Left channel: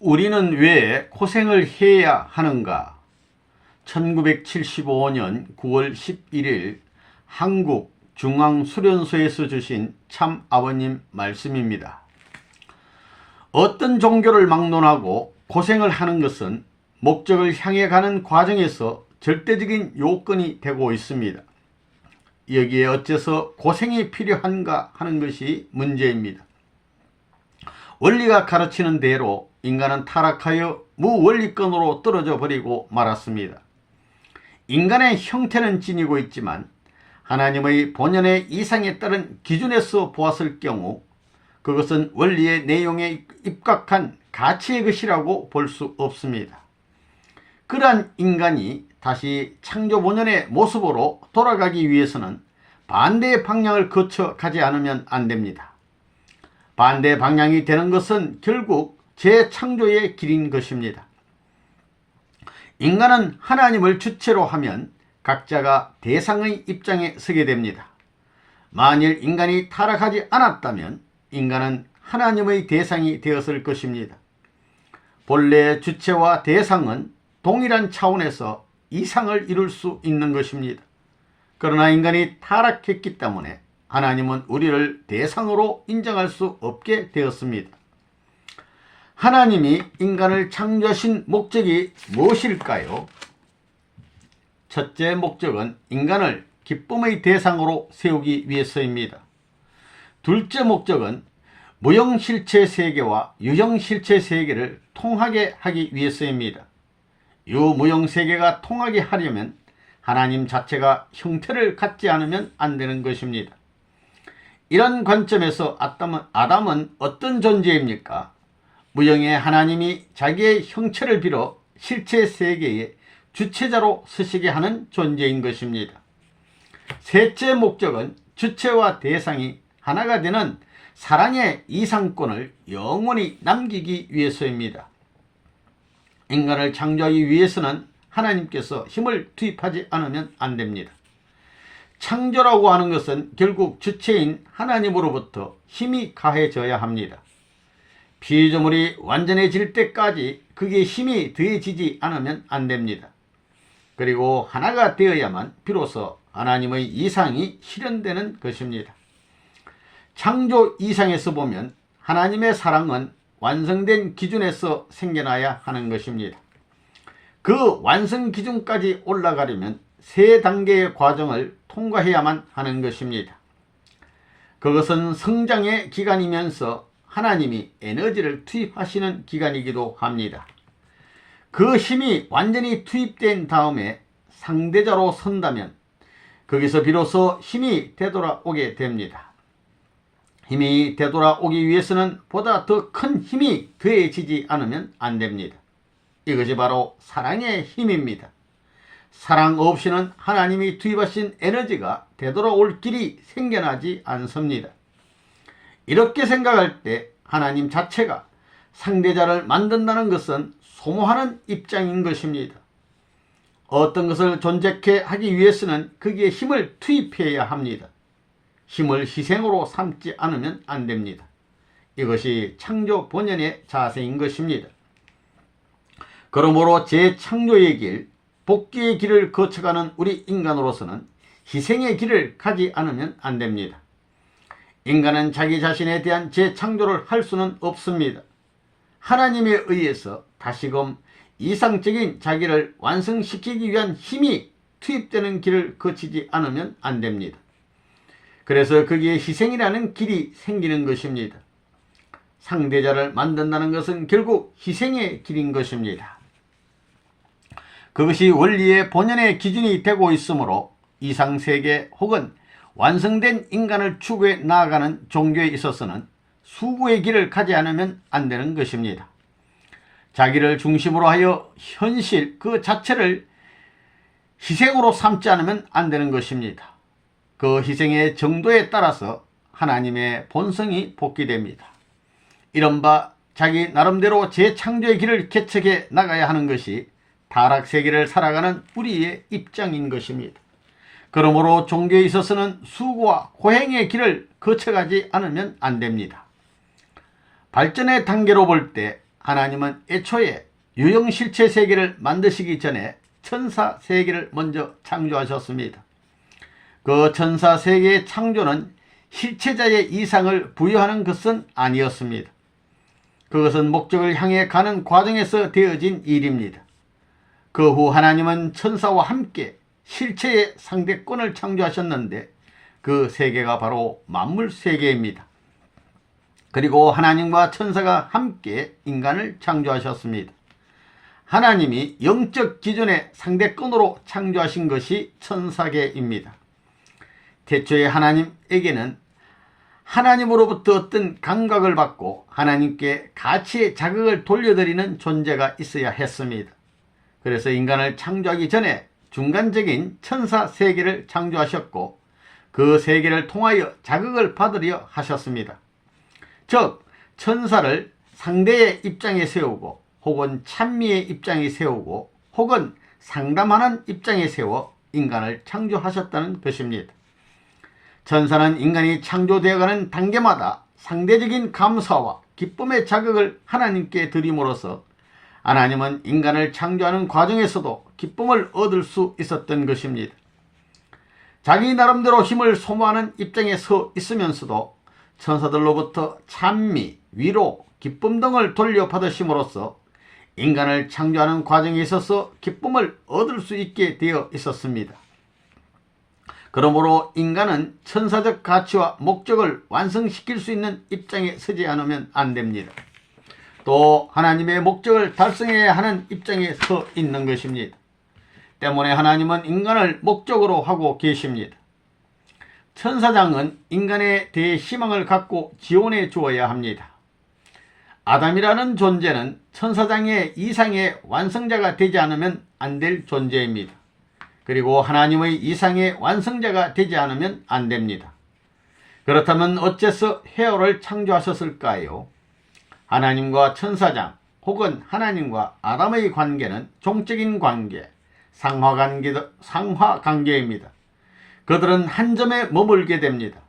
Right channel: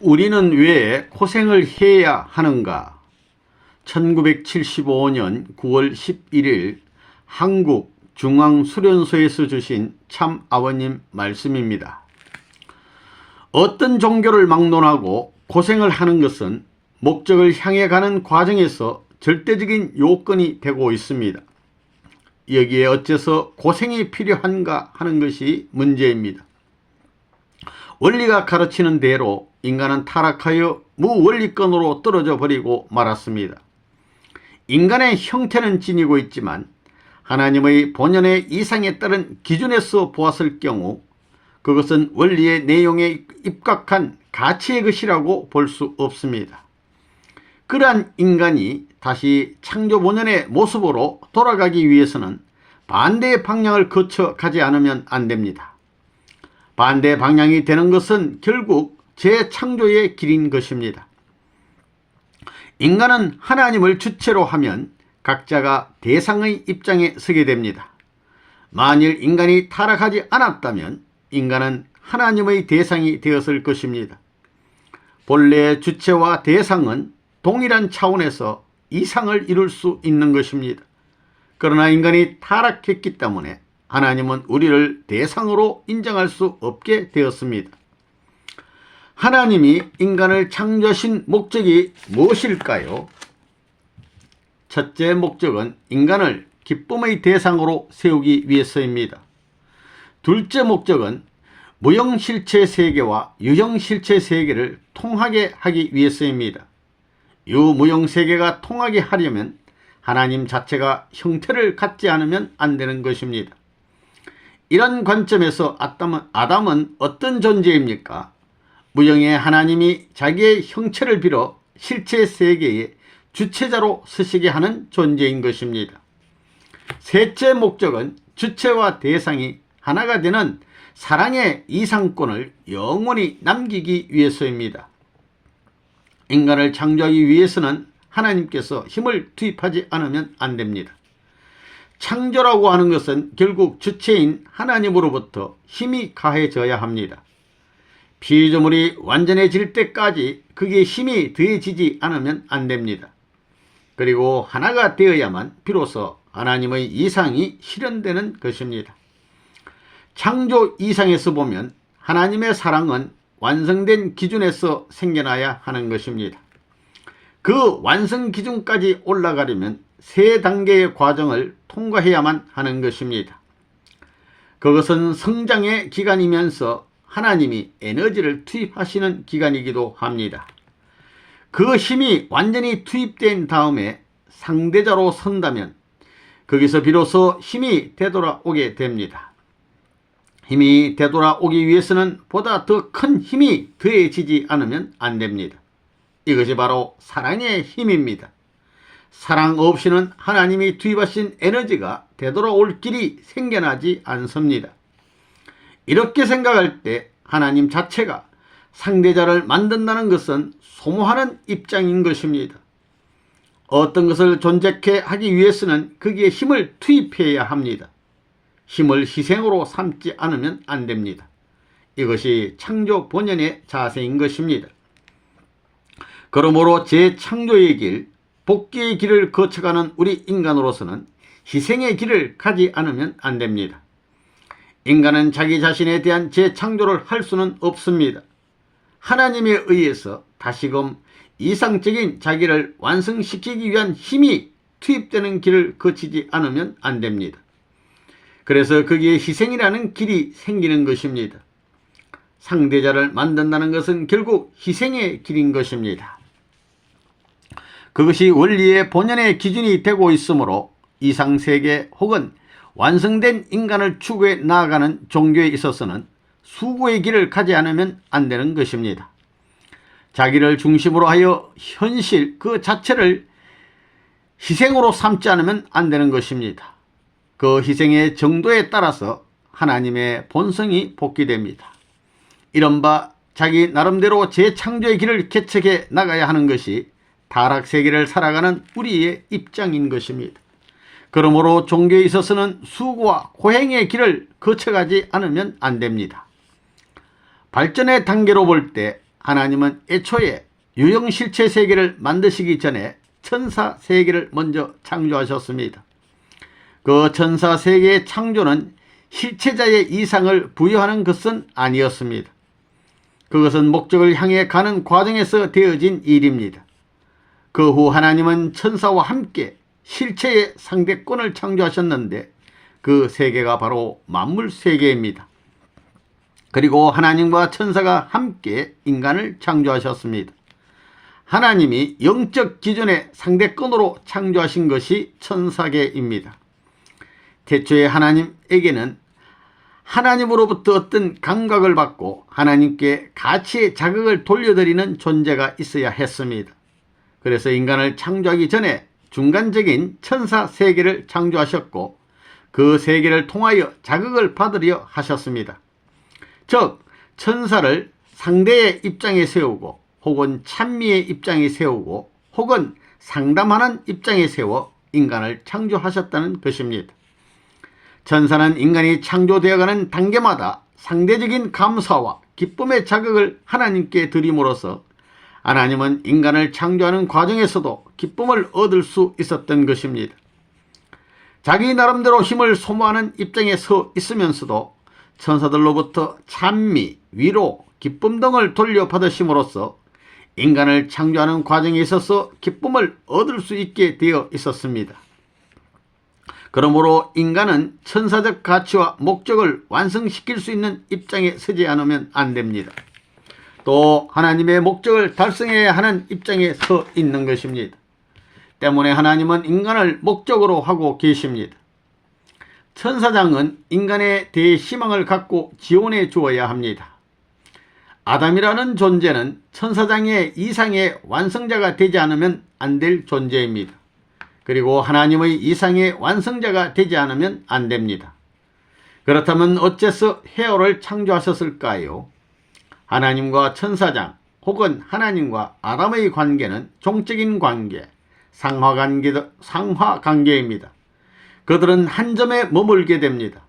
우리는 왜 고생을 해야 하는가? 1975년 9월 11일 한국 중앙수련소에서 주신 참 아버님 말씀입니다. 어떤 종교를 막론하고 고생을 하는 것은 목적을 향해 가는 과정에서 절대적인 요건이 되고 있습니다. 여기에 어째서 고생이 필요한가 하는 것이 문제입니다. 원리가 가르치는 대로 인간은 타락하여 무원리권으로 떨어져 버리고 말았습니다. 인간의 형태는 지니고 있지만 하나님의 본연의 이상에 따른 기준에서 보았을 경우 그것은 원리의 내용에 입각한 가치의 것이라고 볼 수 없습니다. 그러한 인간이 다시 창조 본연의 모습으로 돌아가기 위해서는 반대의 방향을 거쳐 가지 않으면 안 됩니다. 반대 방향이 되는 것은 결국 재창조의 길인 것입니다. 인간은 하나님을 주체로 하면 각자가 대상의 입장에 서게 됩니다. 만일 인간이 타락하지 않았다면 인간은 하나님의 대상이 되었을 것입니다. 본래 주체와 대상은 동일한 차원에서 이상을 이룰 수 있는 것입니다. 그러나 인간이 타락했기 때문에 하나님은 우리를 대상으로 인정할 수 없게 되었습니다. 하나님이 인간을 창조하신 목적이 무엇일까요? 첫째 목적은 인간을 기쁨의 대상으로 세우기 위해서입니다. 둘째 목적은 무형실체 세계와 유형실체 세계를 통하게 하기 위해서입니다. 유무형세계가 통하게 하려면 하나님 자체가 형태를 갖지 않으면 안 되는 것입니다. 이런 관점에서 아담은 어떤 존재입니까? 무형의 하나님이 자기의 형체를 빌어 실체 세계의 주체자로 서시게 하는 존재인 것입니다. 셋째 목적은 주체와 대상이 하나가 되는 사랑의 이상권을 영원히 남기기 위해서입니다. 인간을 창조하기 위해서는 하나님께서 힘을 투입하지 않으면 안 됩니다. 창조라고 하는 것은 결국 주체인 하나님으로부터 힘이 가해져야 합니다. 피조물이 완전해질 때까지 그게 힘이 더해지지 않으면 안 됩니다. 그리고 하나가 되어야만 비로소 하나님의 이상이 실현되는 것입니다. 창조 이상에서 보면 하나님의 사랑은 완성된 기준에서 생겨나야 하는 것입니다. 그 완성 기준까지 올라가려면 세 단계의 과정을 통과해야만 하는 것입니다. 그것은 성장의 기간이면서 하나님이 에너지를 투입하시는 기간이기도 합니다. 그 힘이 완전히 투입된 다음에 상대자로 선다면 거기서 비로소 힘이 되돌아오게 됩니다. 힘이 되돌아오기 위해서는 보다 더 큰 힘이 더해지지 않으면 안 됩니다. 이것이 바로 사랑의 힘입니다. 사랑 없이는 하나님이 투입하신 에너지가 되돌아올 길이 생겨나지 않습니다. 이렇게 생각할 때 하나님 자체가 상대자를 만든다는 것은 소모하는 입장인 것입니다. 어떤 것을 존재케 하기 위해서는 거기에 힘을 투입해야 합니다. 힘을 희생으로 삼지 않으면 안 됩니다. 이것이 창조 본연의 자세인 것입니다. 그러므로 재창조의 길, 복귀의 길을 거쳐가는 우리 인간으로서는 희생의 길을 가지 않으면 안 됩니다. 인간은 자기 자신에 대한 재창조를 할 수는 없습니다. 하나님에 의해서 다시금 이상적인 자기를 완성시키기 위한 힘이 투입되는 길을 거치지 않으면 안 됩니다. 그래서 거기에 희생이라는 길이 생기는 것입니다. 상대자를 만든다는 것은 결국 희생의 길인 것입니다. 그것이 원리의 본연의 기준이 되고 있으므로 이상세계 혹은 완성된 인간을 추구해 나아가는 종교에 있어서는 수구의 길을 가지 않으면 안 되는 것입니다. 자기를 중심으로 하여 현실 그 자체를 희생으로 삼지 않으면 안 되는 것입니다. 그 희생의 정도에 따라서 하나님의 본성이 복귀됩니다. 이른바 자기 나름대로 재창조의 길을 개척해 나가야 하는 것이 타락세계를 살아가는 우리의 입장인 것입니다. 그러므로 종교에 있어서는 수고와 고행의 길을 거쳐가지 않으면 안 됩니다. 발전의 단계로 볼 때 하나님은 애초에 유형실체 세계를 만드시기 전에 천사 세계를 먼저 창조하셨습니다. 그 천사 세계의 창조는 실체자의 이상을 부여하는 것은 아니었습니다. 그것은 목적을 향해 가는 과정에서 되어진 일입니다. 그 후 하나님은 천사와 함께 실체의 상대권을 창조하셨는데 그 세계가 바로 만물 세계입니다. 그리고 하나님과 천사가 함께 인간을 창조하셨습니다. 하나님이 영적 기준의 상대권으로 창조하신 것이 천사계입니다. 태초에 하나님에게는 하나님으로부터 어떤 감각을 받고 하나님께 가치의 자극을 돌려드리는 존재가 있어야 했습니다. 그래서 인간을 창조하기 전에 중간적인 천사 세계를 창조하셨고 그 세계를 통하여 자극을 받으려 하셨습니다. 즉 천사를 상대의 입장에 세우고 혹은 찬미의 입장에 세우고 혹은 상담하는 입장에 세워 인간을 창조하셨다는 것입니다. 천사는 인간이 창조되어가는 단계마다 상대적인 감사와 기쁨의 자극을 하나님께 드림으로써 하나님은 인간을 창조하는 과정에서도 기쁨을 얻을 수 있었던 것입니다. 자기 나름대로 힘을 소모하는 입장에 서 있으면서도 천사들로부터 찬미, 위로, 기쁨 등을 돌려받으심으로써 인간을 창조하는 과정에 있어서 기쁨을 얻을 수 있게 되어 있었습니다. 그러므로 인간은 천사적 가치와 목적을 완성시킬 수 있는 입장에 서지 않으면 안 됩니다. 또 하나님의 목적을 달성해야 하는 입장에 서 있는 것입니다. 때문에 하나님은 인간을 목적으로 하고 계십니다. 천사장은 인간에 대해 희망을 갖고 지원해 주어야 합니다. 아담이라는 존재는 천사장의 이상의 완성자가 되지 않으면 안 될 존재입니다. 그리고 하나님의 이상의 완성자가 되지 않으면 안 됩니다. 그렇다면 어째서 헤어를 창조하셨을까요? 하나님과 천사장 혹은 하나님과 아담의 관계는 종적인 관계, 상하관계입니다. 그들은 한 점에 머물게 됩니다.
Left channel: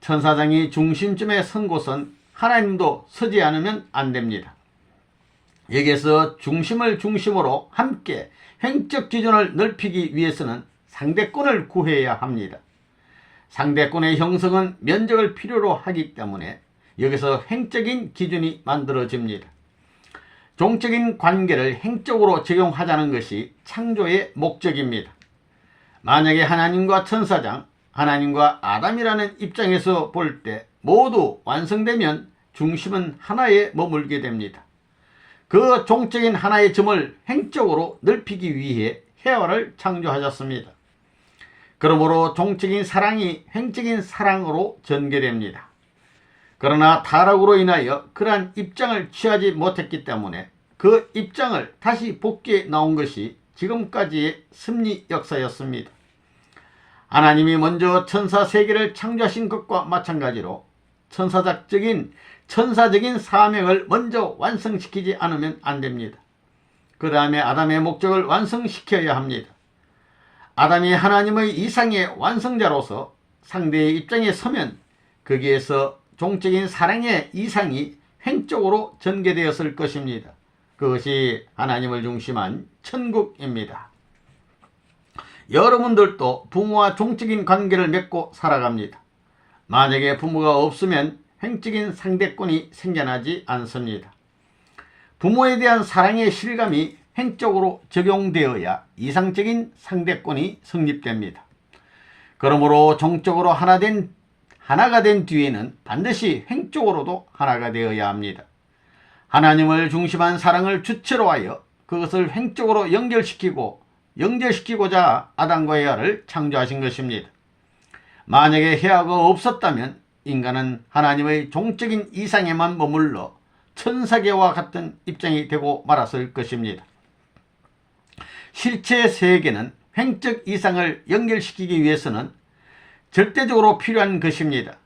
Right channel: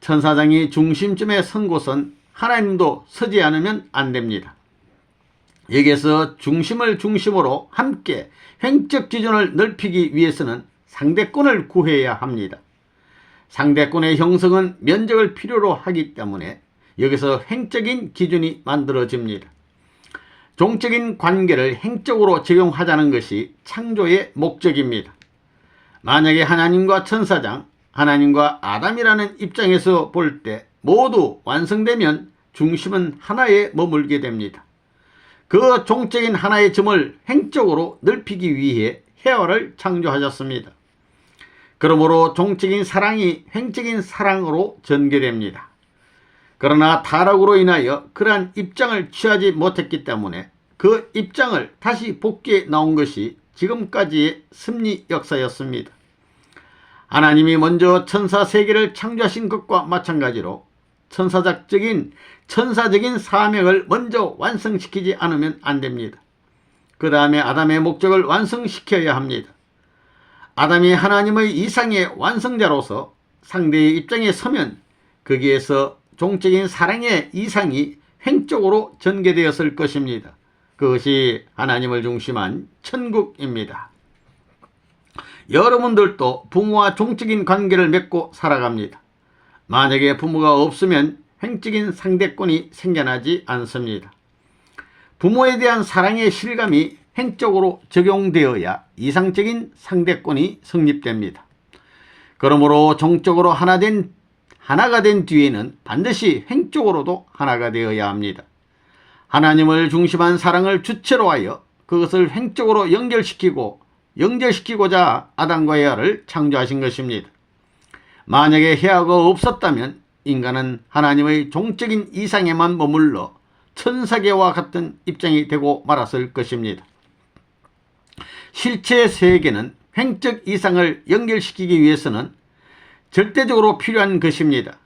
천사장이 중심점에 선 곳은 하나님도 서지 않으면 안 됩니다. 여기에서 중심을 중심으로 함께 행적 기준을 넓히기 위해서는 상대권을 구해야 합니다. 상대권의 형성은 면적을 필요로 하기 때문에 여기서 행적인 기준이 만들어집니다. 종적인 관계를 행적으로 적용하자는 것이 창조의 목적입니다. 만약에 하나님과 천사장, 하나님과 아담이라는 입장에서 볼 때 모두 완성되면 중심은 하나에 머물게 됩니다. 그 종적인 하나의 점을 행적으로 넓히기 위해 헤어를 창조하셨습니다. 그러므로 종적인 사랑이 행적인 사랑으로 전개됩니다. 그러나 타락으로 인하여 그러한 입장을 취하지 못했기 때문에 그 입장을 다시 복귀해 나온 것이 지금까지의 섭리 역사였습니다. 하나님이 먼저 천사 세계를 창조하신 것과 마찬가지로 천사적인 사명을 먼저 완성시키지 않으면 안 됩니다. 그 다음에 아담의 목적을 완성시켜야 합니다. 아담이 하나님의 이상의 완성자로서 상대의 입장에 서면 거기에서 종적인 사랑의 이상이 행적으로 전개되었을 것입니다. 그것이 하나님을 중심한 천국입니다. 여러분들도 부모와 종적인 관계를 맺고 살아갑니다. 만약에 부모가 없으면 행적인 상대권이 생겨나지 않습니다. 부모에 대한 사랑의 실감이 행적으로 적용되어야 이상적인 상대권이 성립됩니다. 그러므로 종적으로 하나가 된 뒤에는 반드시 행적으로도 하나가 되어야 합니다. 하나님을 중심한 사랑을 주체로 하여 그것을 행적으로 연결시키고자 아담과 에아를 창조하신 것입니다. 만약에 헤아가 없었다면 인간은 하나님의 종적인 이상에만 머물러 천사계와 같은 입장이 되고 말았을 것입니다. 실체 세계는 행적 이상을 연결시키기 위해서는 절대적으로 필요한 것입니다.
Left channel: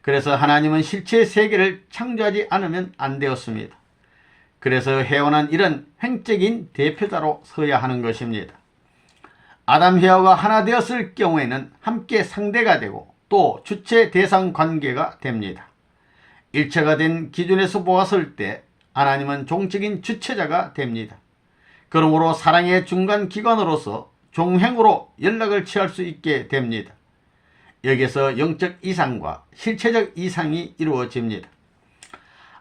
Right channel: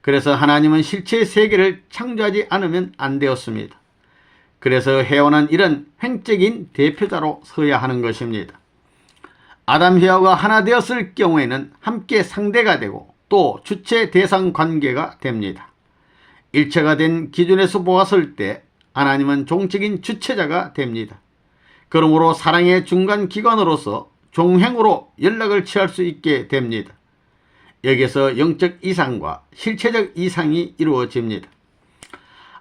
그래서 하나님은 실체 세계를 창조하지 않으면 안 되었습니다. 그래서 해원은 이런 행적인 대표자로 서야 하는 것입니다. 아담 헤아가 하나 되었을 경우에는 함께 상대가 되고 또 주체 대상 관계가 됩니다. 일체가 된 기준에서 보았을 때 하나님은 종적인 주체자가 됩니다. 그러므로 사랑의 중간기관으로서 종행으로 연락을 취할 수 있게 됩니다. 여기서 영적 이상과 실체적 이상이 이루어집니다.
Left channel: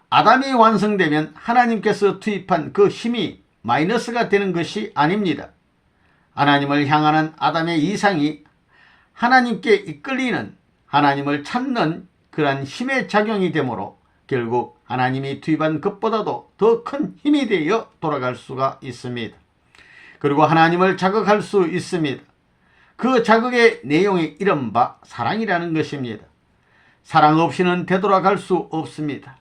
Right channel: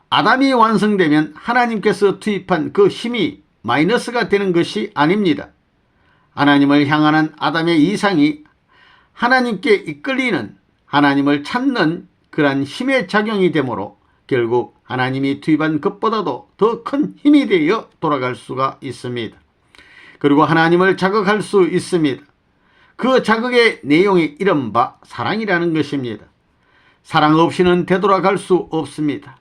아담이 완성되면 하나님께서 투입한 그 힘이 마이너스가 되는 것이 아닙니다. 하나님을 향하는 아담의 이상이 하나님께 이끌리는, 하나님을 찾는 그러한 힘의 작용이 되므로 결국 하나님이 투입한 것보다도 더 큰 힘이 되어 돌아갈 수가 있습니다. 그리고 하나님을 자극할 수 있습니다. 그 자극의 내용이 이른바 사랑이라는 것입니다. 사랑 없이는 되돌아갈 수 없습니다.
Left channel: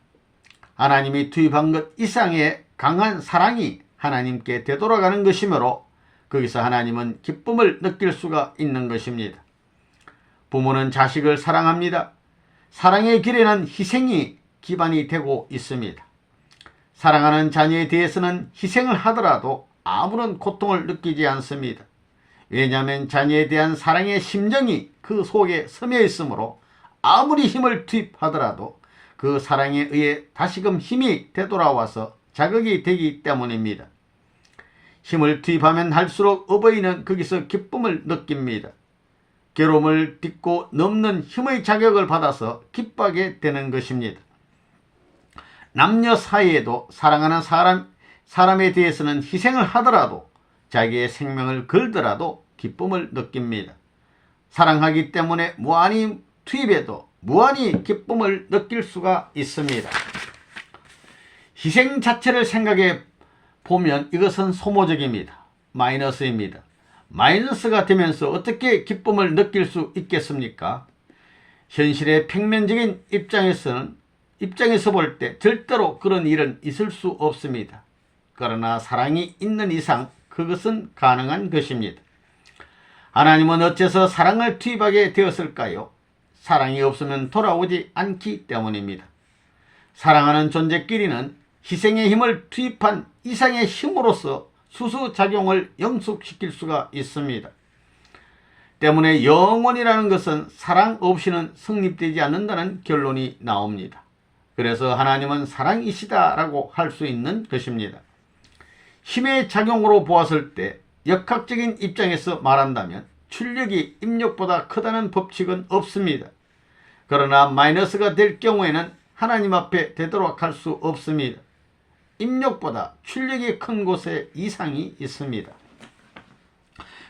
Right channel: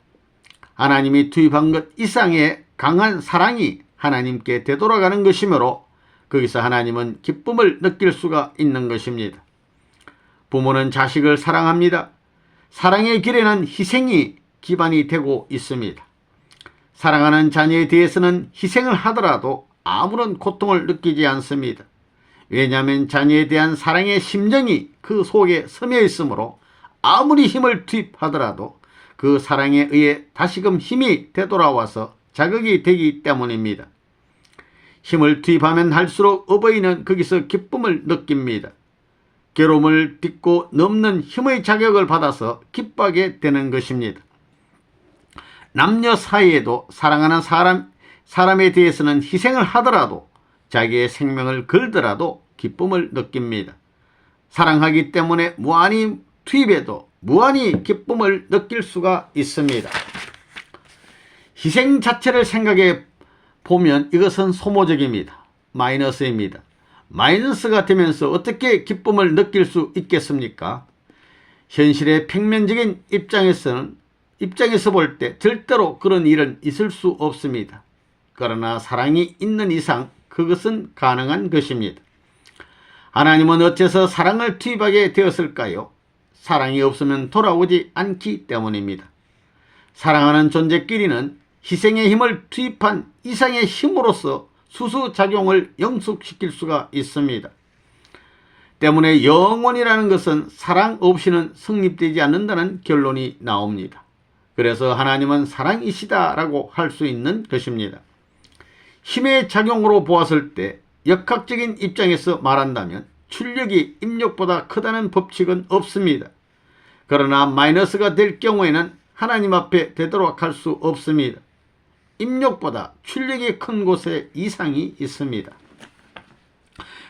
하나님이 투입한 것 이상의 강한 사랑이 하나님께 되돌아가는 것이므로 거기서 하나님은 기쁨을 느낄 수가 있는 것입니다. 부모는 자식을 사랑합니다. 사랑의 길에는 희생이 기반이 되고 있습니다. 사랑하는 자녀에 대해서는 희생을 하더라도 아무런 고통을 느끼지 않습니다. 왜냐하면 자녀에 대한 사랑의 심정이 그 속에 스며 있으므로 아무리 힘을 투입하더라도 그 사랑에 의해 다시금 힘이 되돌아와서 자극이 되기 때문입니다. 힘을 투입하면 할수록 어버이는 거기서 기쁨을 느낍니다. 괴로움을 딛고 넘는 힘의 자격을 받아서 기뻐하게 되는 것입니다. 남녀 사이에도 사랑하는 사람에 대해서는 희생을 하더라도, 자기의 생명을 걸더라도 기쁨을 느낍니다. 사랑하기 때문에 무한히 투입해도 무한히 기쁨을 느낄 수가 있습니다. 희생 자체를 생각해 보면 이것은 소모적입니다. 마이너스입니다. 마이너스가 되면서 어떻게 기쁨을 느낄 수 있겠습니까? 현실의 평면적인 입장에서 볼 때 절대로 그런 일은 있을 수 없습니다. 그러나 사랑이 있는 이상 그것은 가능한 것입니다. 하나님은 어째서 사랑을 투입하게 되었을까요? 사랑이 없으면 돌아오지 않기 때문입니다. 사랑하는 존재끼리는 희생의 힘을 투입한 이상의 힘으로써 수수작용을 영속시킬 수가 있습니다. 때문에 영혼이라는 것은 사랑 없이는 성립되지 않는다는 결론이 나옵니다. 그래서 하나님은 사랑이시다라고 할 수 있는 것입니다. 힘의 작용으로 보았을 때 역학적인 입장에서 말한다면 출력이 입력보다 크다는 법칙은 없습니다. 그러나 마이너스가 될 경우에는 하나님 앞에 되도록 할 수 없습니다. 입력보다 출력이 큰 곳에 이상이 있습니다.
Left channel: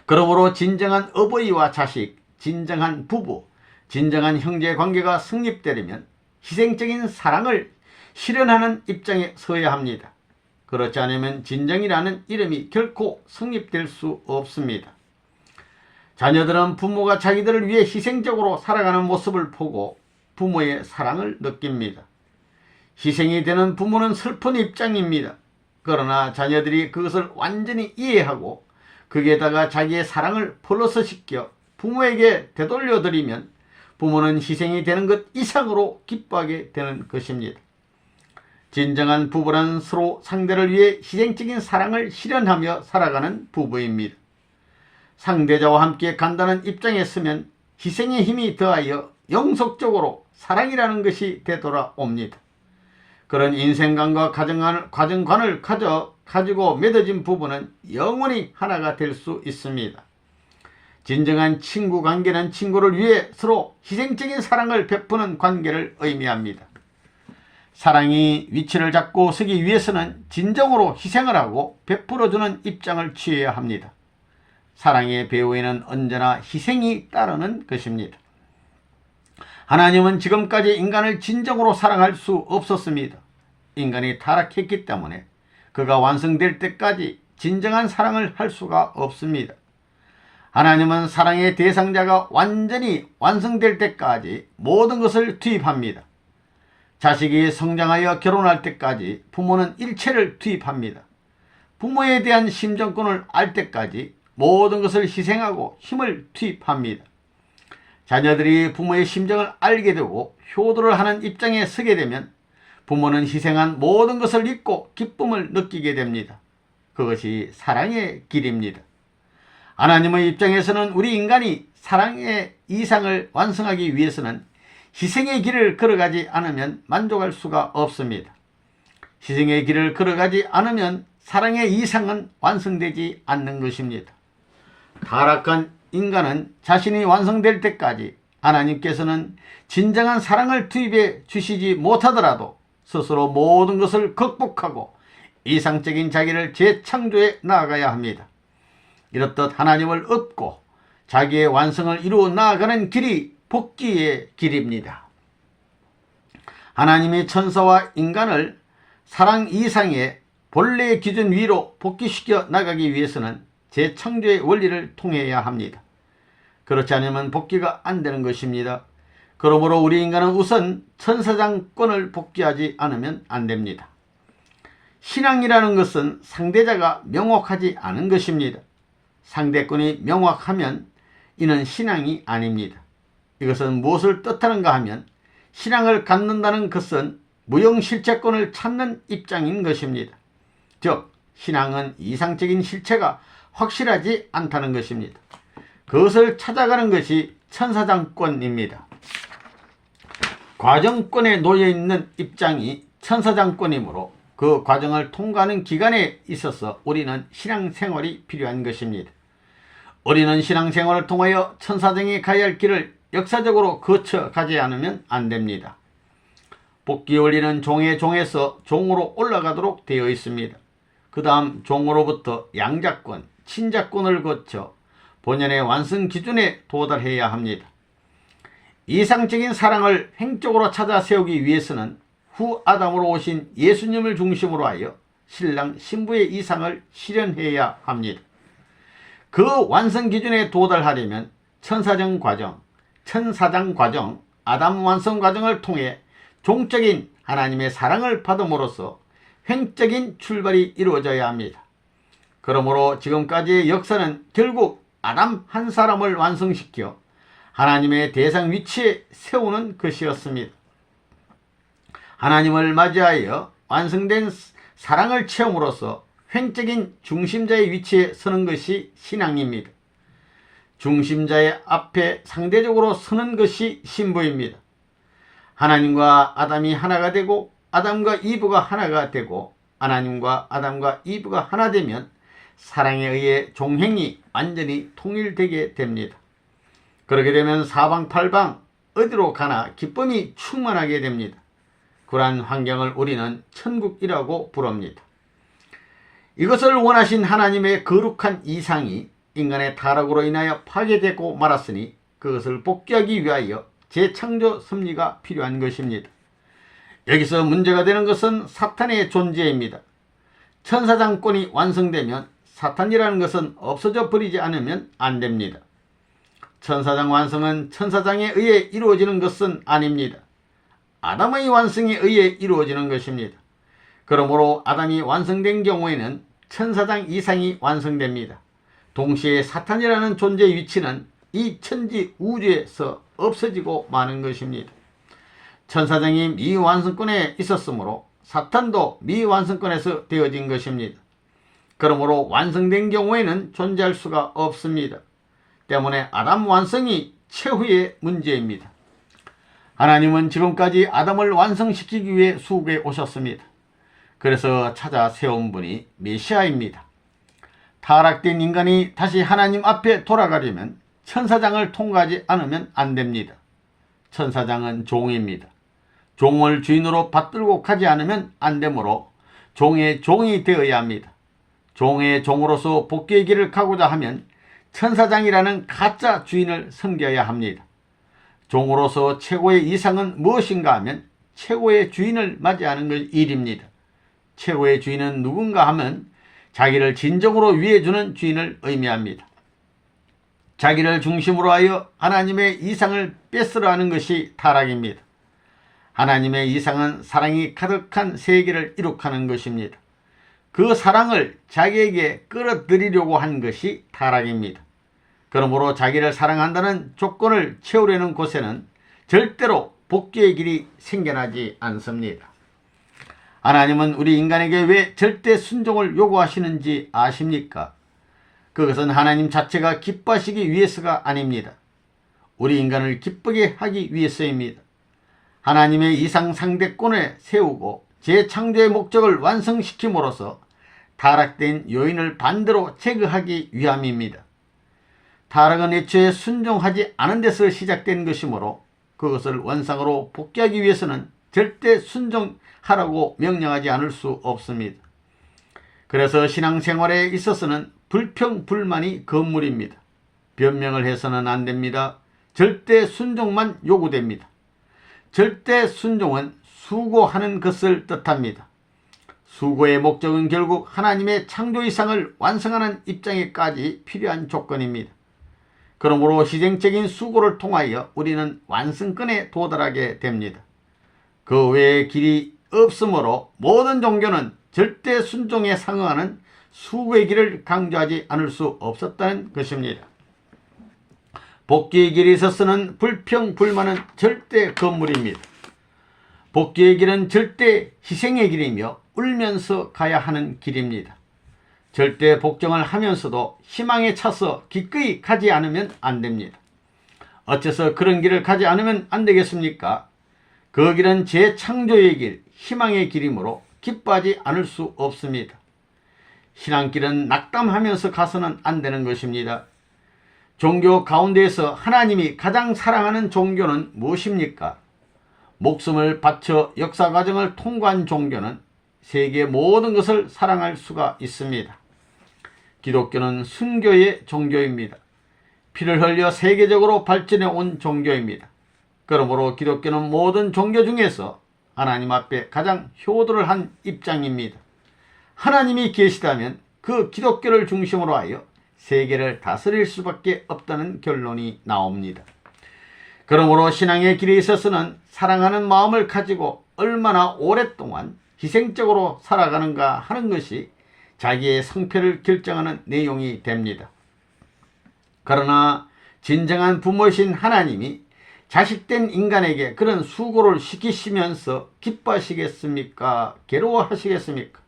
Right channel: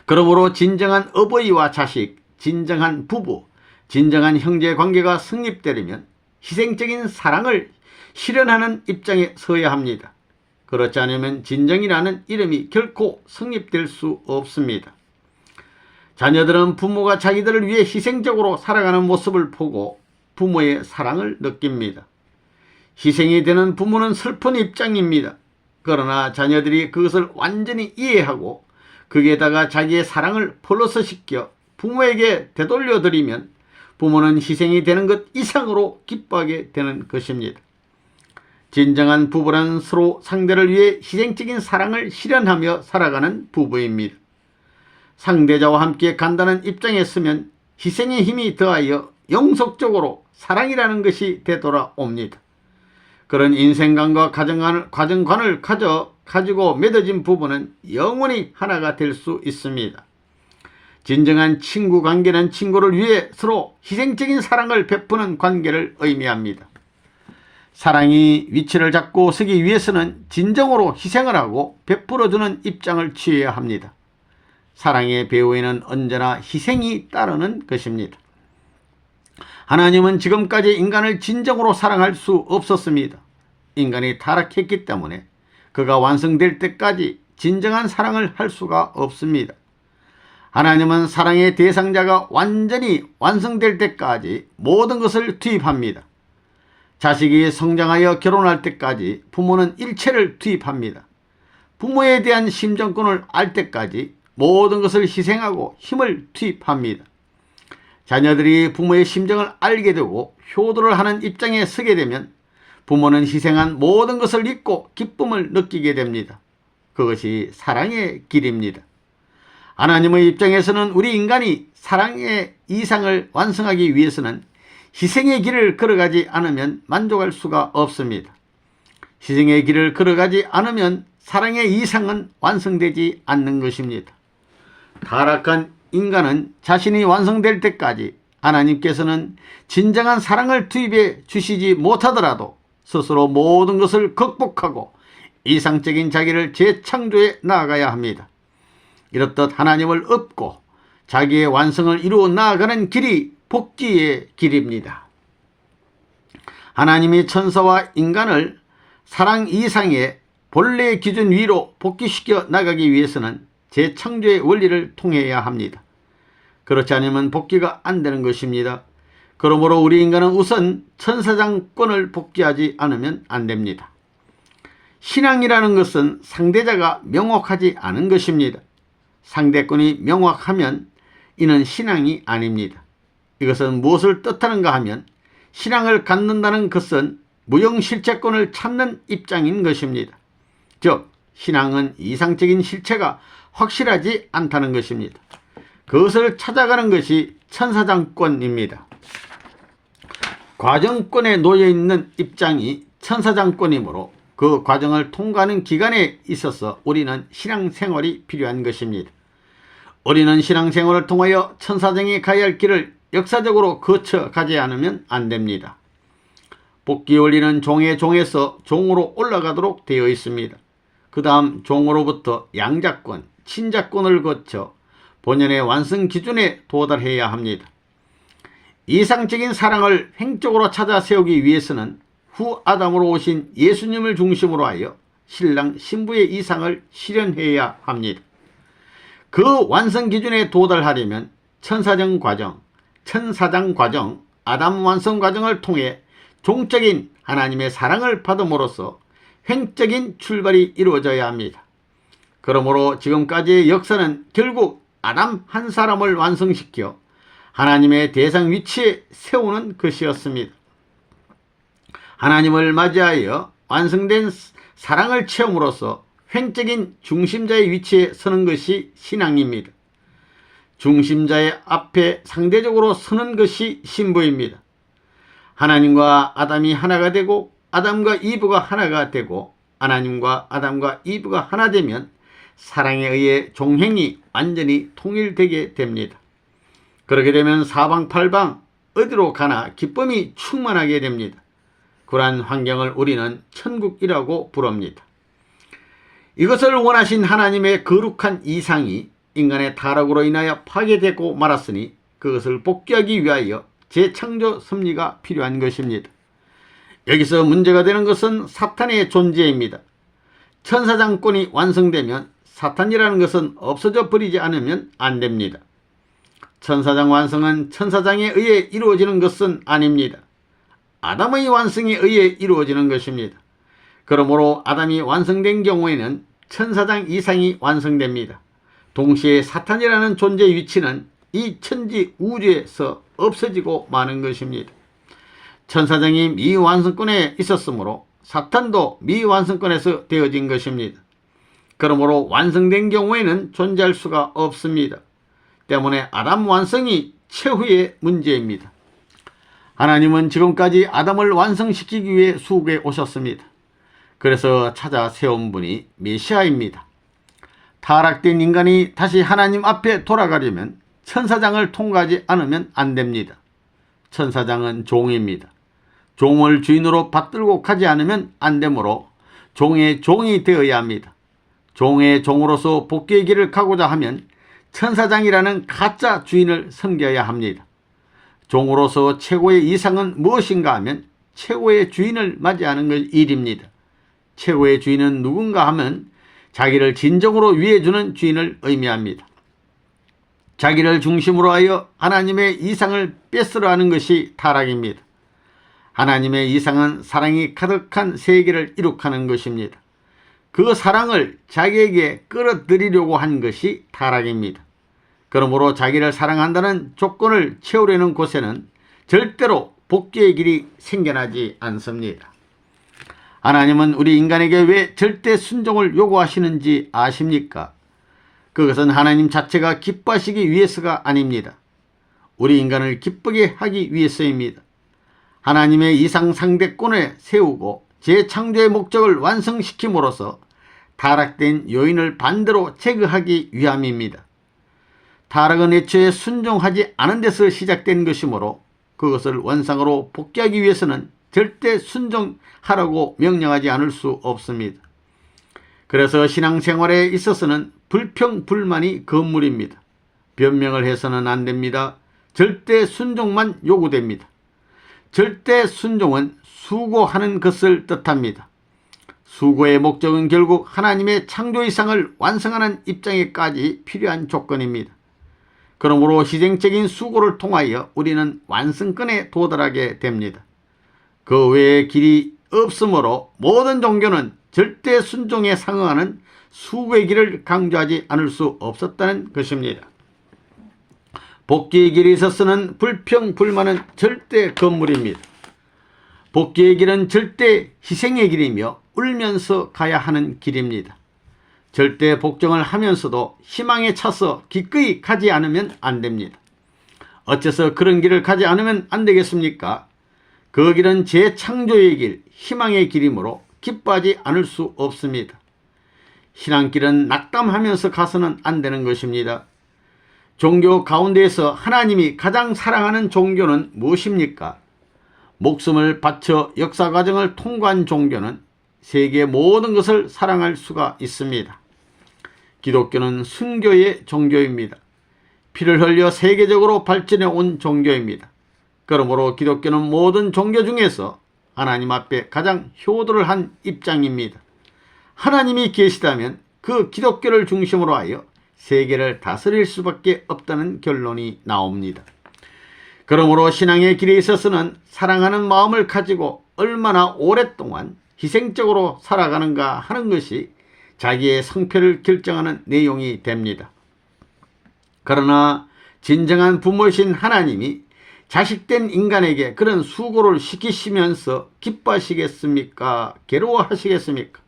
그러므로 진정한 어버이와 자식, 진정한 부부, 진정한 형제 관계가 성립되려면 희생적인 사랑을 실현하는 입장에 서야 합니다. 그렇지 않으면 진정이라는 이름이 결코 성립될 수 없습니다. 자녀들은 부모가 자기들을 위해 희생적으로 살아가는 모습을 보고 부모의 사랑을 느낍니다. 희생이 되는 부모는 슬픈 입장입니다. 그러나 자녀들이 그것을 완전히 이해하고 거기에다가 자기의 사랑을 플러스시켜 부모에게 되돌려드리면 부모는 희생이 되는 것 이상으로 기뻐하게 되는 것입니다. 진정한 부부란 서로 상대를 위해 희생적인 사랑을 실현하며 살아가는 부부입니다. 상대자와 함께 간다는 입장에 서면 희생의 힘이 더하여 영속적으로 사랑이라는 것이 되돌아옵니다. 그런 인생관과 가정관을 가지고 맺어진 부부는 영원히 하나가 될 수 있습니다. 진정한 친구 관계는 친구를 위해 서로 희생적인 사랑을 베푸는 관계를 의미합니다. 사랑이 위치를 잡고 서기 위해서는 진정으로 희생을 하고 베풀어주는 입장을 취해야 합니다. 사랑의 배후에는 언제나 희생이 따르는 것입니다. 하나님은 지금까지 인간을 진정으로 사랑할 수 없었습니다. 인간이 타락했기 때문에 그가 완성될 때까지 진정한 사랑을 할 수가 없습니다. 하나님은 사랑의 대상자가 완전히 완성될 때까지 모든 것을 투입합니다. 자식이 성장하여 결혼할 때까지 부모는 일체를 투입합니다. 부모에 대한 심정권을 알 때까지 모든 것을 희생하고 힘을 투입합니다. 자녀들이 부모의 심정을 알게 되고 효도를 하는 입장에 서게 되면 부모는 희생한 모든 것을 잊고 기쁨을 느끼게 됩니다. 그것이 사랑의 길입니다. 하나님의 입장에서는 우리 인간이 사랑의 이상을 완성하기 위해서는 희생의 길을 걸어가지 않으면 만족할 수가 없습니다. 희생의 길을 걸어가지 않으면 사랑의 이상은 완성되지 않는 것입니다. 타락한 인간은 자신이 완성될 때까지 하나님께서는 진정한 사랑을 투입해 주시지 못하더라도 스스로 모든 것을 극복하고 이상적인 자기를 재창조해 나아가야 합니다. 이렇듯 하나님을 얻고 자기의 완성을 이루어 나아가는 길이 복귀의 길입니다. 하나님이 천사와 인간을 사랑 이상의 본래의 기준 위로 복귀시켜 나가기 위해서는 재창조의 원리를 통해야 합니다. 그렇지 않으면 복귀가 안 되는 것입니다. 그러므로 우리 인간은 우선 천사장권을 복귀하지 않으면 안 됩니다. 신앙이라는 것은 상대자가 명확하지 않은 것입니다. 상대권이 명확하면 이는 신앙이 아닙니다. 이것은 무엇을 뜻하는가 하면 신앙을 갖는다는 것은 무형실체권을 찾는 입장인 것입니다. 즉 신앙은 이상적인 실체가 확실하지 않다는 것입니다. 그것을 찾아가는 것이 천사장권입니다. 과정권에 놓여있는 입장이 천사장권이므로 그 과정을 통과하는 기간에 있어서 우리는 신앙생활이 필요한 것입니다. 우리는 신앙생활을 통하여 천사장에 가야 할 길을 역사적으로 거쳐가지 않으면 안 됩니다. 복귀 원리는 종의 종에서 종으로 올라가도록 되어 있습니다. 그 다음 종으로부터 양자권, 친자권을 거쳐 본연의 완성 기준에 도달해야 합니다. 이상적인 사랑을 횡적으로 찾아 세우기 위해서는 후 아담으로 오신 예수님을 중심으로 하여 신랑 신부의 이상을 실현해야 합니다. 그 완성 기준에 도달하려면 천사장 과정, 아담 완성 과정을 통해 종적인 하나님의 사랑을 받음으로써 횡적인 출발이 이루어져야 합니다. 그러므로 지금까지의 역사는 결국 아담 한 사람을 완성시켜 하나님의 대상 위치에 세우는 것이었습니다. 하나님을 맞이하여 완성된 사랑을 체험으로써 횡적인 중심자의 위치에 서는 것이 신앙입니다. 중심자의 앞에 상대적으로 서는 것이 신부입니다. 하나님과 아담이 하나가 되고 아담과 이브가 하나가 되고 하나님과 아담과 이브가 하나 되면 사랑에 의해 종행이 완전히 통일되게 됩니다. 그렇게 되면 사방팔방 어디로 가나 기쁨이 충만하게 됩니다. 그러한 환경을 우리는 천국이라고 부릅니다. 이것을 원하신 하나님의 거룩한 이상이 인간의 타락으로 인하여 파괴되고 말았으니 그것을 복귀하기 위하여 재창조 섭리가 필요한 것입니다. 여기서 문제가 되는 것은 사탄의 존재입니다. 천사장권이 완성되면 사탄이라는 것은 없어져 버리지 않으면 안 됩니다. 천사장 완성은 천사장에 의해 이루어지는 것은 아닙니다. 아담의 완성에 의해 이루어지는 것입니다. 그러므로 아담이 완성된 경우에는 천사장 이상이 완성됩니다. 동시에 사탄이라는 존재의 위치는 이 천지 우주에서 없어지고 마는 것입니다. 천사장이 미완성권에 있었으므로 사탄도 미완성권에서 되어진 것입니다. 그러므로 완성된 경우에는 존재할 수가 없습니다. 때문에 아담 완성이 최후의 문제입니다. 하나님은 지금까지 아담을 완성시키기 위해 수고해 오셨습니다. 그래서 찾아 세운 분이 메시아입니다. 타락된 인간이 다시 하나님 앞에 돌아가려면 천사장을 통과하지 않으면 안 됩니다. 천사장은 종입니다. 종을 주인으로 받들고 가지 않으면 안 되므로 종의 종이 되어야 합니다. 종의 종으로서 복귀의 길을 가고자 하면 천사장이라는 가짜 주인을 섬겨야 합니다. 종으로서 최고의 이상은 무엇인가 하면 최고의 주인을 맞이하는 일입니다. 최고의 주인은 누군가 하면 자기를 진정으로 위해주는 주인을 의미합니다. 자기를 중심으로 하여 하나님의 이상을 뺏으려 하는 것이 타락입니다. 하나님의 이상은 사랑이 가득한 세계를 이룩하는 것입니다. 그 사랑을 자기에게 끌어들이려고 한 것이 타락입니다. 그러므로 자기를 사랑한다는 조건을 채우려는 곳에는 절대로 복귀의 길이 생겨나지 않습니다. 하나님은 우리 인간에게 왜 절대 순종을 요구하시는지 아십니까? 그것은 하나님 자체가 기뻐하시기 위해서가 아닙니다. 우리 인간을 기쁘게 하기 위해서입니다. 하나님의 이상 상대권에 세우고 재창조의 목적을 완성시킴으로써 타락된 요인을 반대로 제거하기 위함입니다. 타락은 애초에 순종하지 않은 데서 시작된 것이므로 그것을 원상으로 복귀하기 위해서는 절대 순종하라고 명령하지 않을 수 없습니다. 그래서 신앙생활에 있어서는 불평불만이 건물입니다. 변명을 해서는 안 됩니다. 절대 순종만 요구됩니다. 절대 순종은 수고하는 것을 뜻합니다. 수고의 목적은 결국 하나님의 창조 이상을 완성하는 입장에까지 필요한 조건입니다. 그러므로 희생적인 수고를 통하여 우리는 완성권에 도달하게 됩니다. 그 외의 길이 없으므로 모든 종교는 절대 순종에 상응하는 수고의 길을 강조하지 않을 수 없었다는 것입니다. 복귀의 길에 있어서는 불평불만은 절대 건물입니다. 복귀의 길은 절대 희생의 길이며 울면서 가야 하는 길입니다. 절대 복종을 하면서도 희망에 차서 기꺼이 가지 않으면 안 됩니다. 어째서 그런 길을 가지 않으면 안 되겠습니까? 그 길은 재창조의 길, 희망의 길이므로 기뻐하지 않을 수 없습니다. 신앙길은 낙담하면서 가서는 안 되는 것입니다. 종교 가운데에서 하나님이 가장 사랑하는 종교는 무엇입니까? 목숨을 바쳐 역사 과정을 통과한 종교는 세계 모든 것을 사랑할 수가 있습니다. 기독교는 순교의 종교입니다. 피를 흘려 세계적으로 발전해 온 종교입니다. 그러므로 기독교는 모든 종교 중에서 하나님 앞에 가장 효도를 한 입장입니다. 하나님이 계시다면 그 기독교를 중심으로 하여 세계를 다스릴 수밖에 없다는 결론이 나옵니다. 그러므로 신앙의 길에 있어서는 사랑하는 마음을 가지고 얼마나 오랫동안 희생적으로 살아가는가 하는 것이 자기의 성패를 결정하는 내용이 됩니다. 그러나 진정한 부모이신 하나님이 자식된 인간에게 그런 수고를 시키시면서 기뻐하시겠습니까? 괴로워하시겠습니까?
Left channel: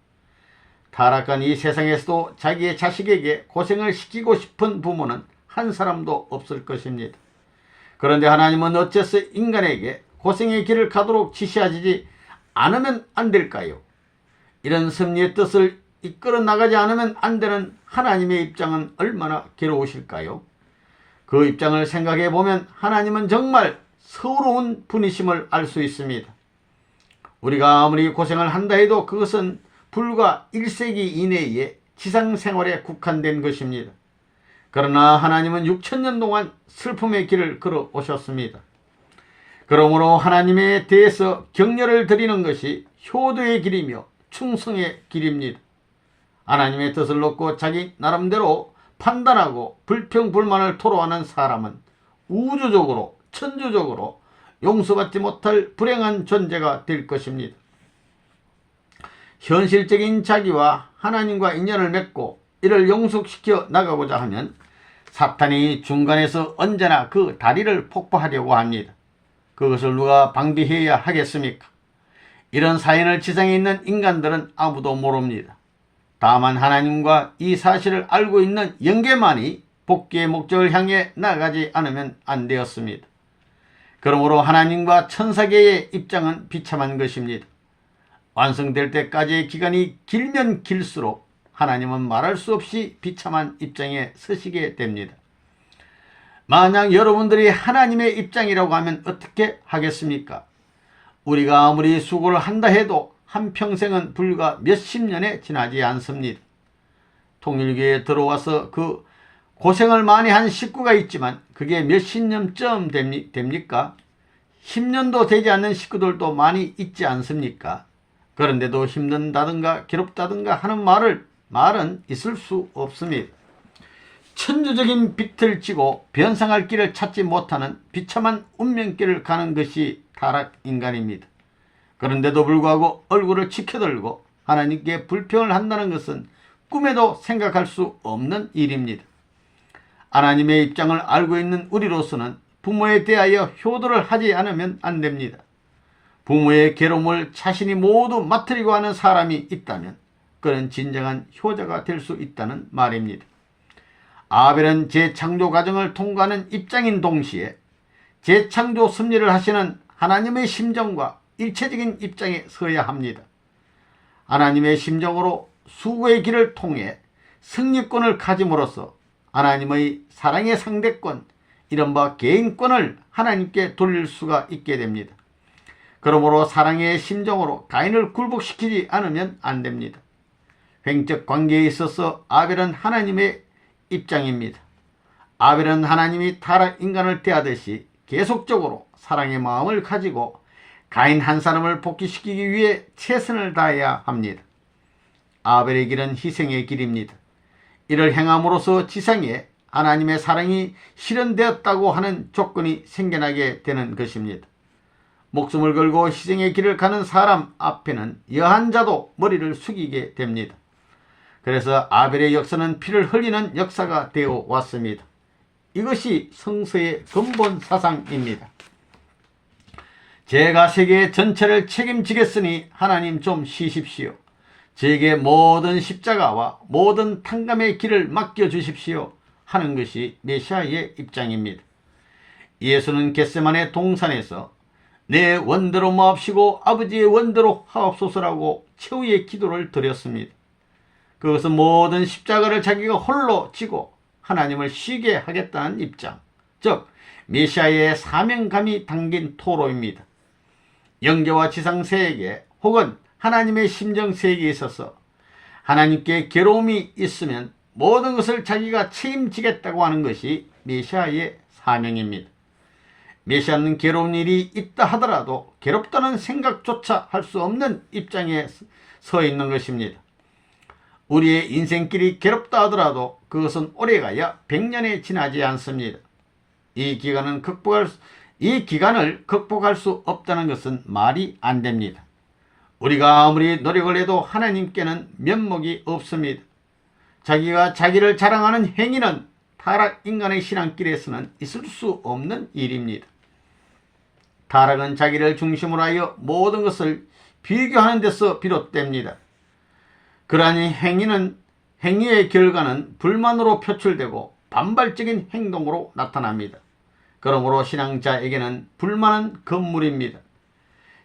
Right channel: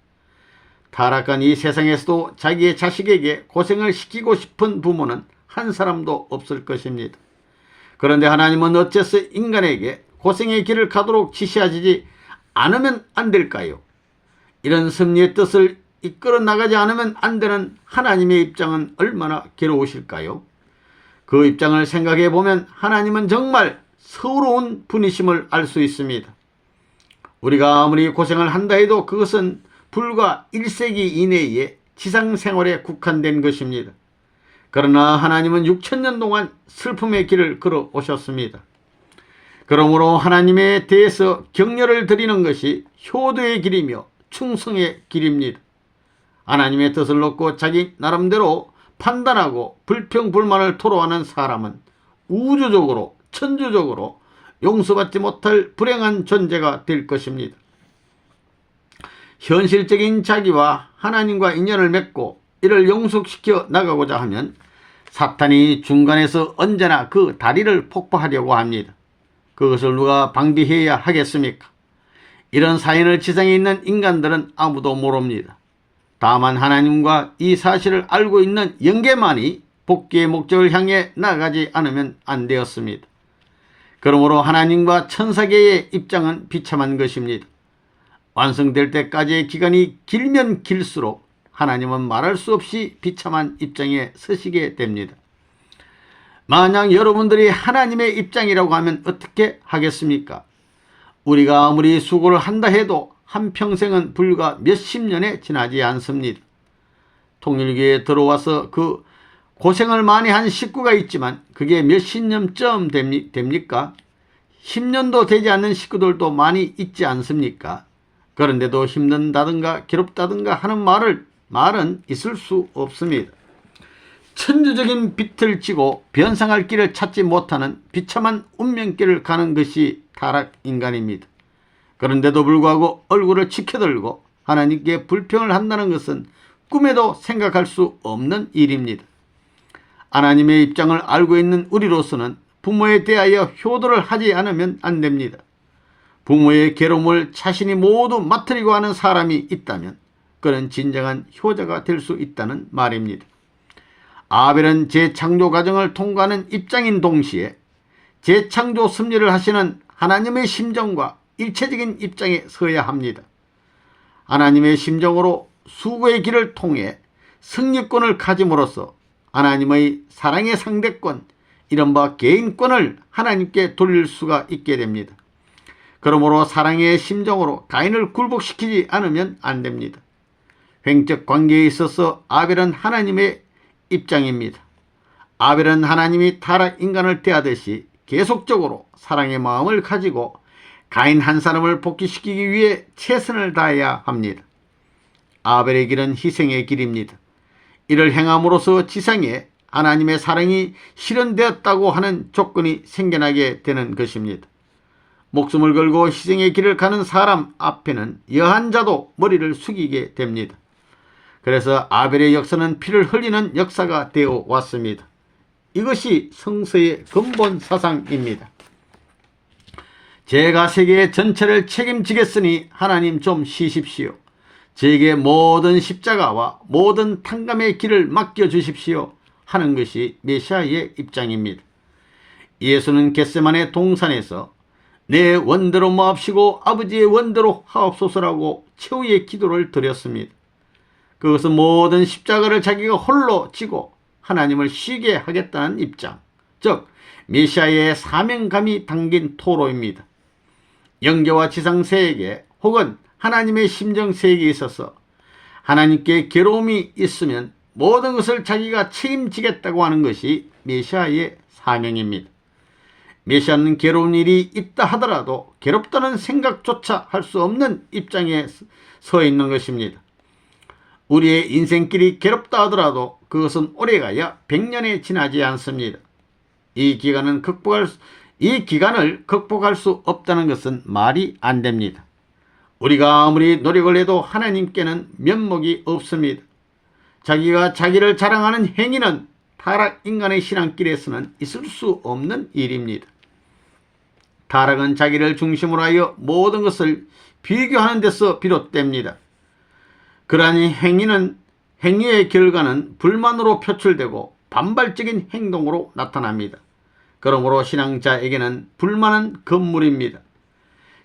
타락한 이 세상에서도 자기의 자식에게 고생을 시키고 싶은 부모는 한 사람도 없을 것입니다. 그런데 하나님은 어째서 인간에게 고생의 길을 가도록 지시하지 않으면 안 될까요? 이런 섭리의 뜻을 이끌어 나가지 않으면 안 되는 하나님의 입장은 얼마나 괴로우실까요? 그 입장을 생각해 보면 하나님은 정말 서러운 분이심을 알 수 있습니다. 우리가 아무리 고생을 한다 해도 그것은 불과 1세기 이내에 지상생활에 국한된 것입니다. 그러나 하나님은 6천년 동안 슬픔의 길을 걸어 오셨습니다. 그러므로 하나님에 대해서 격려를 드리는 것이 효도의 길이며 충성의 길입니다. 하나님의 뜻을 놓고 자기 나름대로 판단하고 불평불만을 토로하는 사람은 우주적으로 천주적으로 용서받지 못할 불행한 존재가 될 것입니다. 현실적인 자기와 하나님과 인연을 맺고 이를 영속시켜 나가고자 하면 사탄이 중간에서 언제나 그 다리를 폭파하려고 합니다. 그것을 누가 방지해야 하겠습니까? 이런 사연을 지상에 있는 인간들은 아무도 모릅니다. 다만 하나님과 이 사실을 알고 있는 영계만이 복귀의 목적을 향해 나가지 않으면 안 되었습니다. 그러므로 하나님과 천사계의 입장은 비참한 것입니다. 완성될 때까지의 기간이 길면 길수록 하나님은 말할 수 없이 비참한 입장에 서시게 됩니다. 만약 여러분들이 하나님의 입장이라고 하면 어떻게 하겠습니까? 우리가 아무리 수고를 한다 해도 한평생은 불과 몇십 년에 지나지 않습니다. 통일교에 들어와서 그 고생을 많이 한 식구가 있지만 그게 몇십 년쯤 됩니까? 10년도 되지 않는 식구들도 많이 있지 않습니까? 그런데도 힘든다든가 괴롭다든가 하는 말은 있을 수 없습니다. 천주적인 빛을 지고 변상할 길을 찾지 못하는 비참한 운명길을 가는 것이 타락인간입니다. 그런데도 불구하고 얼굴을 치켜들고 하나님께 불평을 한다는 것은 꿈에도 생각할 수 없는 일입니다. 하나님의 입장을 알고 있는 우리로서는 부모에 대하여 효도를 하지 않으면 안 됩니다. 부모의 괴로움을 자신이 모두 맡으려고 하는 사람이 있다면 그는 진정한 효자가 될 수 있다는 말입니다. 아벨은 재창조 과정을 통과하는 입장인 동시에 재창조 섭리를 하시는 하나님의 심정과 일체적인 입장에 서야 합니다. 하나님의 심정으로 수고의 길을 통해 승리권을 가짐으로써 하나님의 사랑의 상대권, 이른바 개인권을 하나님께 돌릴 수가 있게 됩니다. 그러므로 사랑의 심정으로 가인을 굴복시키지 않으면 안 됩니다. 횡적 관계에 있어서 아벨은 하나님의 입장입니다. 아벨은 하나님이 타락 인간을 대하듯이 계속적으로 사랑의 마음을 가지고 가인 한 사람을 복귀시키기 위해 최선을 다해야 합니다. 아벨의 길은 희생의 길입니다. 이를 행함으로써 지상에 하나님의 사랑이 실현되었다고 하는 조건이 생겨나게 되는 것입니다. 목숨을 걸고 희생의 길을 가는 사람 앞에는 여한 자도 머리를 숙이게 됩니다. 그래서 아벨의 역사는 피를 흘리는 역사가 되어 왔습니다. 이것이 성서의 근본 사상입니다. 제가 세계 전체를 책임지겠으니 하나님 좀 쉬십시오. 제게 모든 십자가와 모든 탕감의 길을 맡겨주십시오 하는 것이 메시아의 입장입니다. 예수는 겟세마네 동산에서 내 원대로 마옵시고 아버지의 원대로 하옵소서라고 최후의 기도를 드렸습니다. 그것은 모든 십자가를 자기가 홀로 지고 하나님을 쉬게 하겠다는 입장, 즉 메시아의 사명감이 담긴 토로입니다. 영계와 지상 세계 혹은 하나님의 심정 세계에 있어서 하나님께 괴로움이 있으면 모든 것을 자기가 책임지겠다고 하는 것이 메시아의 사명입니다. 메시아는 괴로운 일이 있다 하더라도 괴롭다는 생각조차 할 수 없는 입장에 서 있는 것입니다. 우리의 인생길이 괴롭다 하더라도 그것은 오래가야 100년에 지나지 않습니다. 이 기간을 극복할 수 없다는 것은 말이 안 됩니다. 우리가 아무리 노력을 해도 하나님께는 면목이 없습니다. 자기가 자기를 자랑하는 행위는 타락 인간의 신앙길에서는 있을 수 없는 일입니다. 타락은 자기를 중심으로 하여 모든 것을 비교하는 데서 비롯됩니다. 그러한 행위의 결과는 불만으로 표출되고 반발적인 행동으로 나타납니다. 그러므로 신앙자에게는 불만은 금물입니다.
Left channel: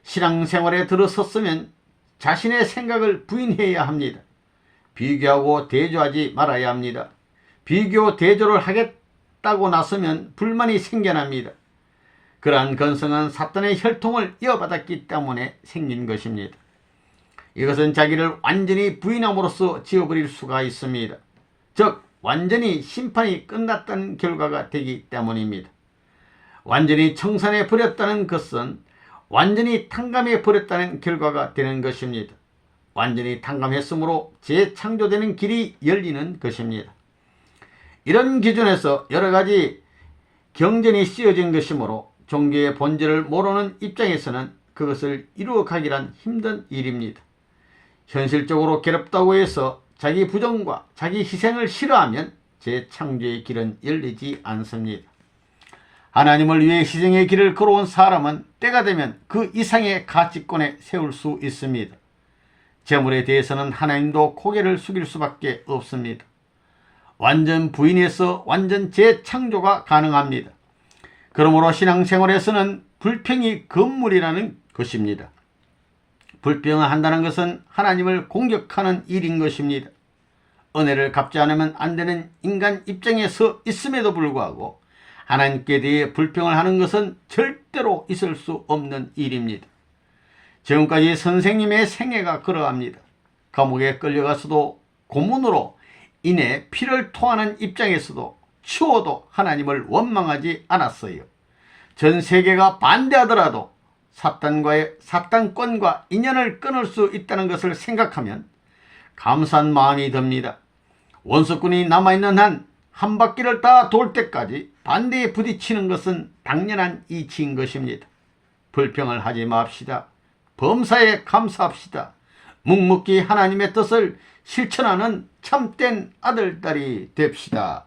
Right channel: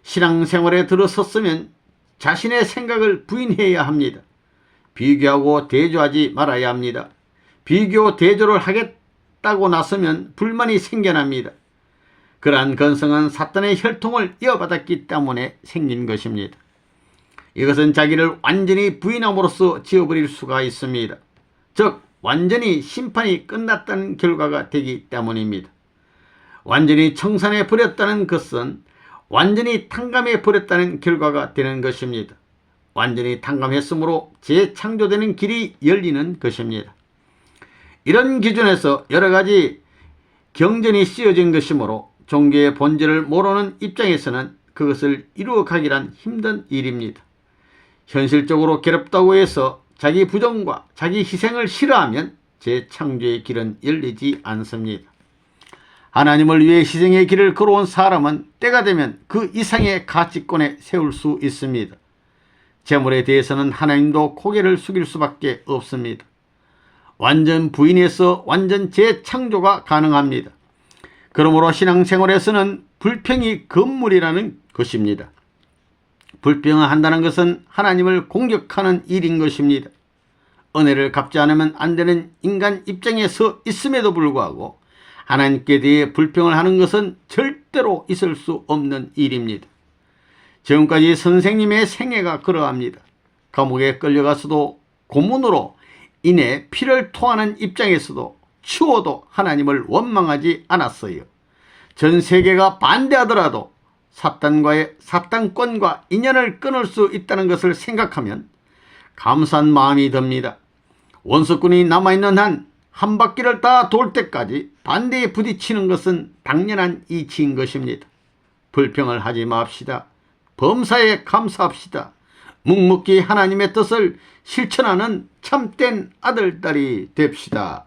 신앙생활에 들어섰으면 자신의 생각을 부인해야 합니다. 비교하고 대조하지 말아야 합니다. 비교 대조를 하겠다고 나서면 불만이 생겨납니다. 그러한 건성은 사탄의 혈통을 이어받았기 때문에 생긴 것입니다. 이것은 자기를 완전히 부인함으로써 지워버릴 수가 있습니다. 즉 완전히 심판이 끝났다는 결과가 되기 때문입니다. 완전히 청산해 버렸다는 것은 완전히 탕감해 버렸다는 결과가 되는 것입니다. 완전히 탕감했으므로 재창조되는 길이 열리는 것입니다. 이런 기준에서 여러 가지 경전이 씌어진 것이므로 종교의 본질을 모르는 입장에서는 그것을 이루어가기란 힘든 일입니다. 현실적으로 괴롭다고 해서 자기 부정과 자기 희생을 싫어하면 재창조의 길은 열리지 않습니다. 하나님을 위해 희생의 길을 걸어온 사람은 때가 되면 그 이상의 가치권에 세울 수 있습니다. 재물에 대해서는 하나님도 고개를 숙일 수밖에 없습니다. 완전 부인해서 완전 재창조가 가능합니다. 그러므로 신앙생활에서는 불평이 금물이라는 것입니다. 불평을 한다는 것은 하나님을 공격하는 일인 것입니다. 은혜를 갚지 않으면 안 되는 인간 입장에 서 있음에도 불구하고 하나님께 대해 불평을 하는 것은 절대로 있을 수 없는 일입니다. 지금까지 선생님의 생애가 그러합니다. 감옥에 끌려가서도 고문으로 인해 피를 토하는 입장에서도 추워도 하나님을 원망하지 않았어요. 전 세계가 반대하더라도 사탄권과 인연을 끊을 수 있다는 것을 생각하면 감사한 마음이 듭니다. 원수꾼이 남아있는 한 바퀴를 다 돌 때까지 반대에 부딪히는 것은 당연한 이치인 것입니다. 불평을 하지 맙시다. 범사에 감사합시다. 묵묵히 하나님의 뜻을 실천하는 참된 아들딸이 됩시다.